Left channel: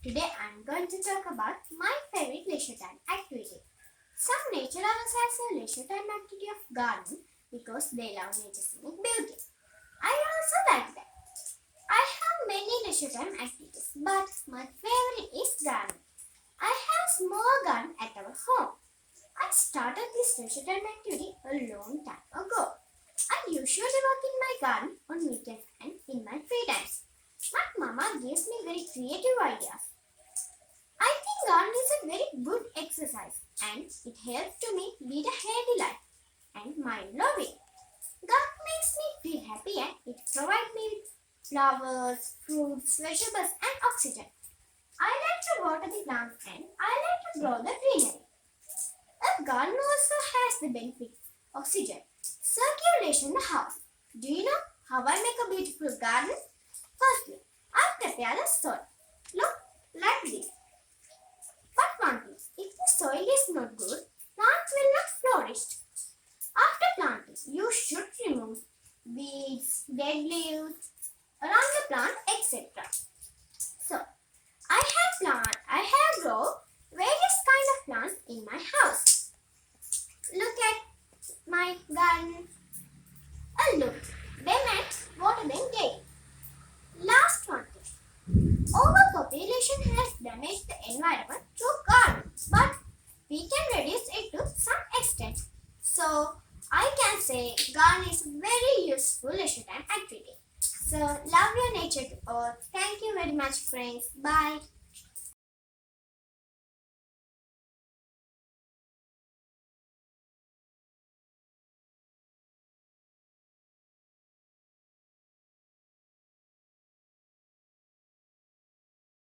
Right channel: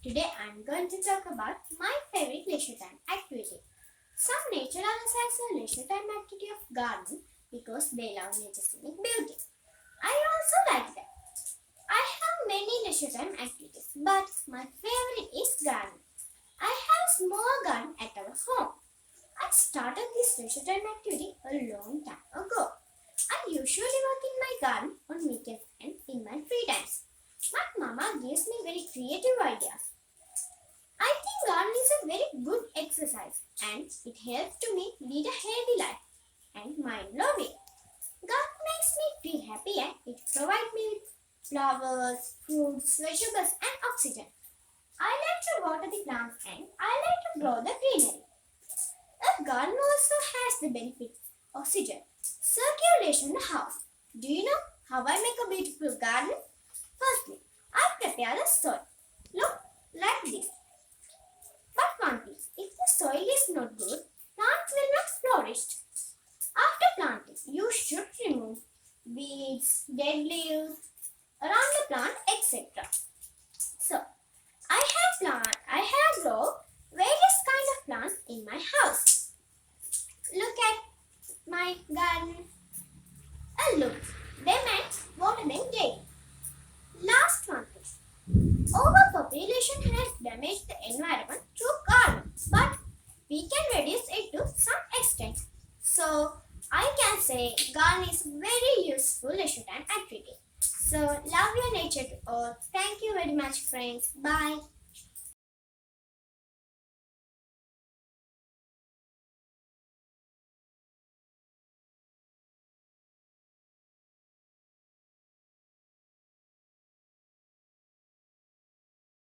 Today I'm going to talk about my favorite leisure time activity. Some nature lovers has a leisure time activity of gardening because they love nature's scenic beauty. I also like that. I have many leisure time activities, but my favorite is gardening. I have a small garden at our home. I started this leisure time activity a long time ago. I usually work in my garden on weekends and in my free times. My mama gives me very creative ideas. I think gardening is a very good exercise and it helps to me lead a healthy life and mind-blowing. Gardening makes me feel happy and it provides me with flowers, fruits, vegetables and oxygen. I like to water the plants and I like to grow the greenery. A garden also has the benefit of oxygen, circulation in the house. Do you know how I make a beautiful garden? Firstly, I prepare the soil. Look like this. But one thing, if the soil is not good, plants will not flourish. After planting, you should remove weeds, dead leaves around the plant, etc. So, I have grown various kind of plants in my house. Look at my garden. Look, they meant water them daily. Last one thing. Overpopulation has damaged the environment through garden, but we can reduce it to some extent. So I can say garden is very useful leisure time activity. So love your nature to all. Thank you very much friends. Bye.